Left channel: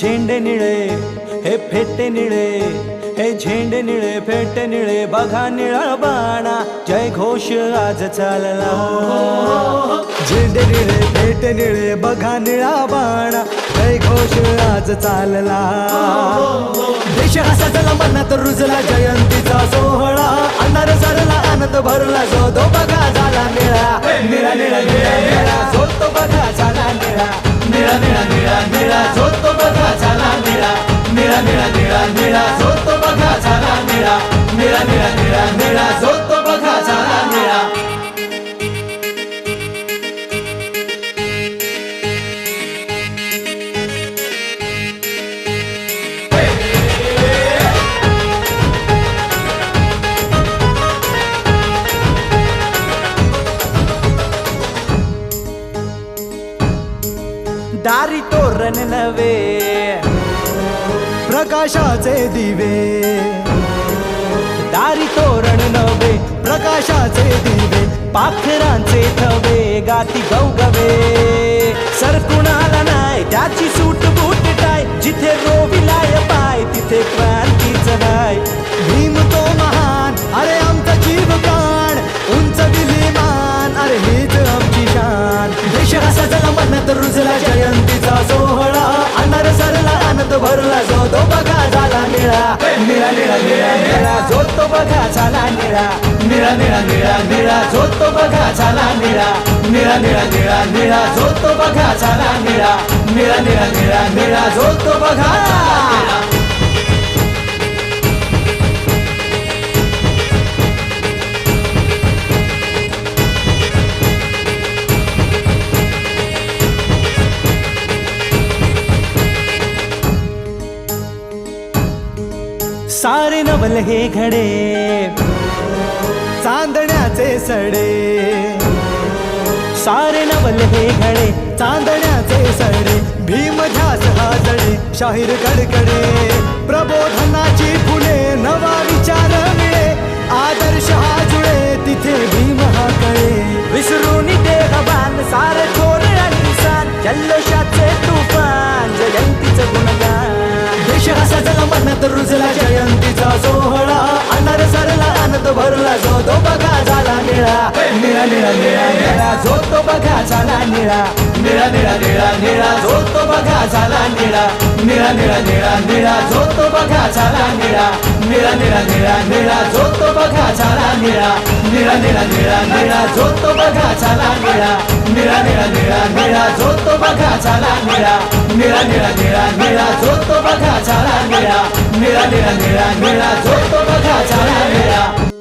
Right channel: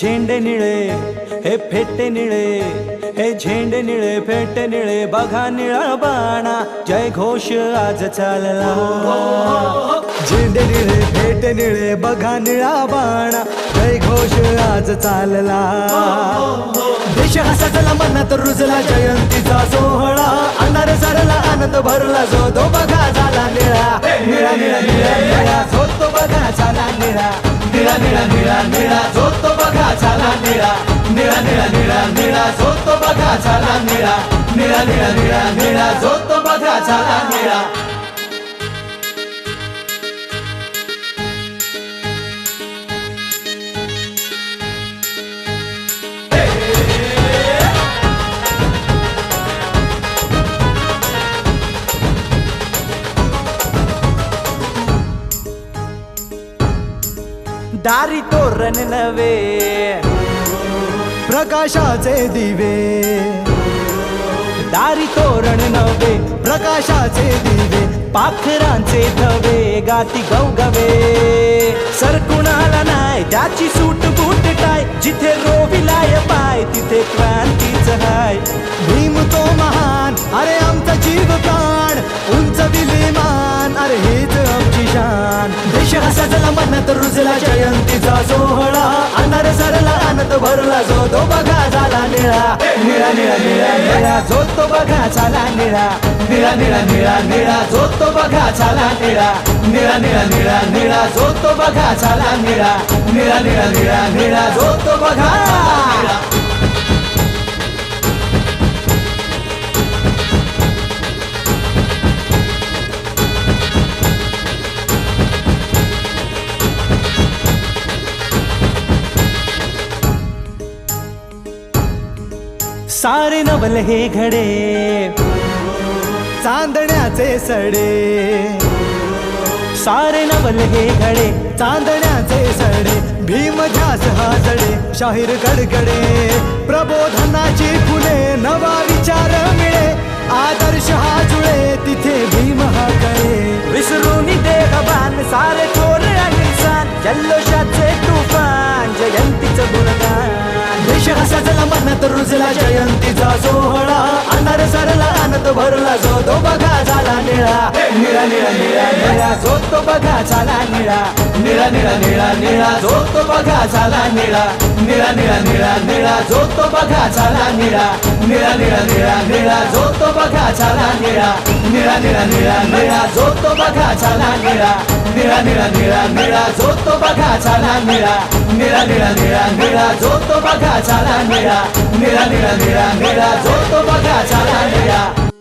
झेंडे निळे हे फेटे निळे हे झेंडे निळे फेटे निळे बघा निळा बाणा. जय घोष आज चालला. झेंडे निळे फेटे निळे बघा निळा बाणा. जय घोष आज चालला. देश हा सजला मनात रुजला जयंतीचा सोहळा. अनार सरला आनंद भरला जो तो बघा झाला निळा. निळा निळा निळा निळा जो तो बघा झाला निळा. निळा निळा निळा निळा झोतो बघा झाला निळा. निळा निळा निळा निळा झोतो बघा झाला निळा. निळा निळा निळा निळा झोतो बघा झाला निळा. दारी तोरण नवे प्रकाशाचे दिवे. दारी तोरण नवे प्रकाशाचे दिवे पाखरांचे थवे गाती गवगवे. सर कुणाला त्याची सूट बूट टाय जिथे रोविलाय पाय तिथे क्रांतीच हाय. भीम तो महान अरे आमचा जीव प्राण उंच विलिमान. अरे हीच आमची शान देश हा मनात रुजला जयंतीचा सोहळा अनार सरला आनंद भरला जो तो बघा झाला निळा निळा निळा निळा निळा जो तो बघा झाला निळा निळा निळा निळा निळा जो तो बघा झाला निळा निळा निळा निळा निळा जो तो बघा झाला निळा निळा निळा निळा निळा जो तो बघा सारे नवल हे घडे चांदण्याचे सडे. सारे नवल हे घडे चांदण्याचे सडे. भीम ध्यास हा जडे शाहीर कडकडे प्रबोधनाची फुले नवा विचार मिळे. आदर्श हा जुळे तिथे भीम हा कळे विसरून देह बाण सारे थोर आणि सान जल्लोषाचे तुफान जयंतीचं गुणगान देश हा सजला मनात रुजला जयंतीचा सोहळा अनार सरला आनंद भरला जो तो बघा झाला निळा निळा निळा निळा निळा जो तो बघा झाला निळा निळा निळा निळा निळा जो तो बघा झाला निळा निळा निळा निळा निळा जो तो बघा झाला निळा निळा निळा निळा निळा जो तो बघा झाला निळा निळा निळा निळा निळा जो तो बघा झाला निळा निळा निळा निळा निळा जो तो बघा झाला निळा निळा निळा निळा निळा जो तो बघा झाला निळा निळा निळा निळा निळा जो तो बघा झाला निळा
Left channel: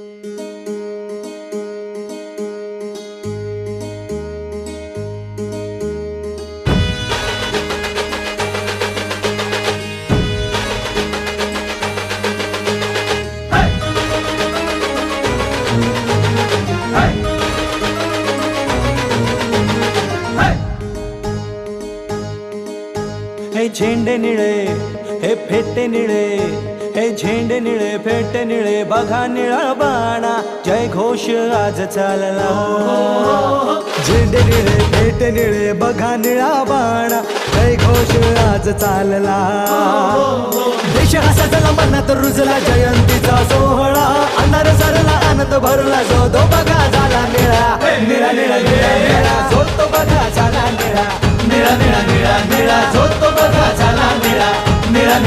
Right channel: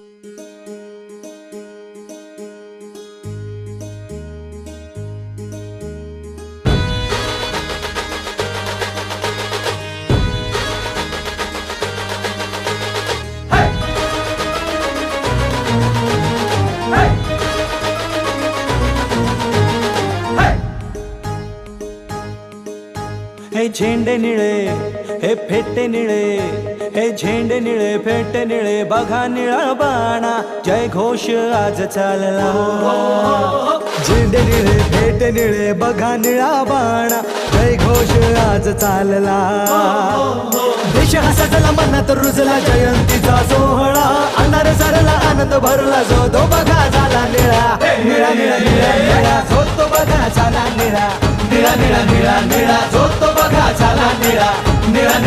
हे झेंडे निळे हे फेटे निळे हे झेंडे निळे फेटे निळे बघा निळा बाणा. जय घोष आज चालला. झेंडे निळे फेटे निळे बघा निळा बाणा. जय घोष आज चालला. देश हा सजला मनात रुजला जयंतीचा सोहळा. अनार सरला आनंद भरला जो तो बघा झाला निळा. निळा निळा निळा निळा जो तो बघा झाला निळा. निळा निळा निळा निळा जो तो बघा झाला निळा निळा